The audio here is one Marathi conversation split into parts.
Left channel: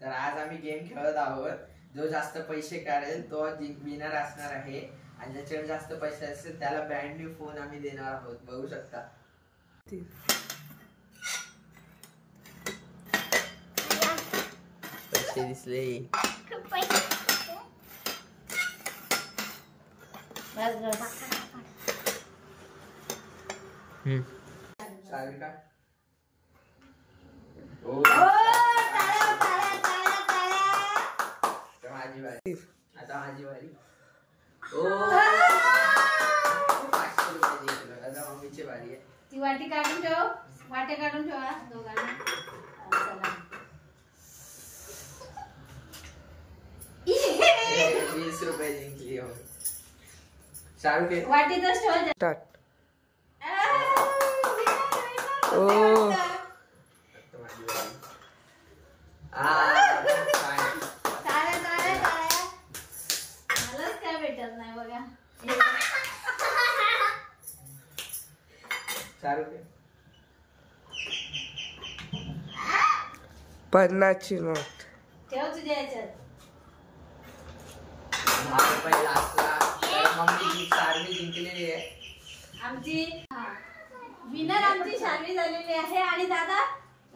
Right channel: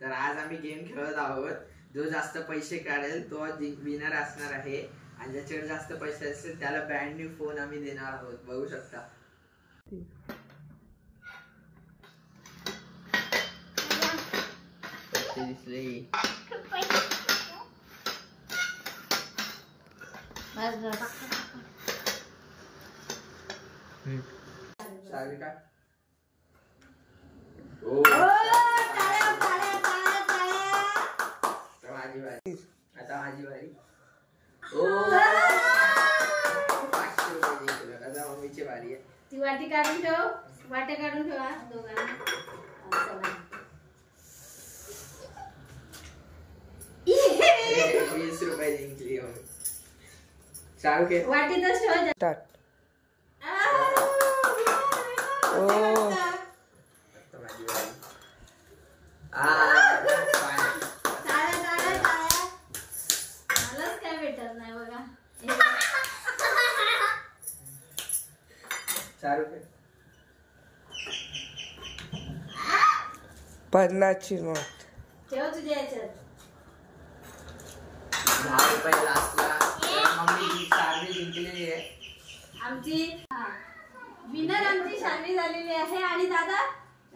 तर आज आम्ही गेम खेळत आहोत. जो जास्त पैसे काढेल तो विनर असणार आहे आणि ज्याच्याकडे जास्त पैसे असतील त्याला ब्रँड न्यू फोन आम्ही देणार आहोत. बघू शकता. पैसे दिसले. सारिका माझी बारी. आता माझी बारी. मम्मीची बारी आहे. ती वाटी काढून ठेव. वाटे काढून ठेवा दोघांना. 20 रुपये जिंकली. शाहरुख वाटीतच ठेवा. मलाच काय भेटत नाही बघा. पन्नासची नोट ठेव तुझ्या याच्यात. 10 रुपये लास्टला मम्मी शार्वी जिंकलेली आहे. आमची विनर आमची शार्वी झालेली आहे. आणि दादा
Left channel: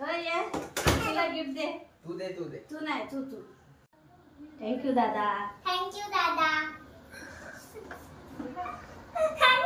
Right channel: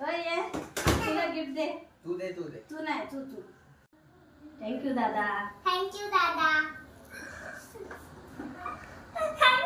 ये तुला गिफ्ट दे. तू दे. तू नाही तू. थँक्यू दादा. थँक्यू दादा.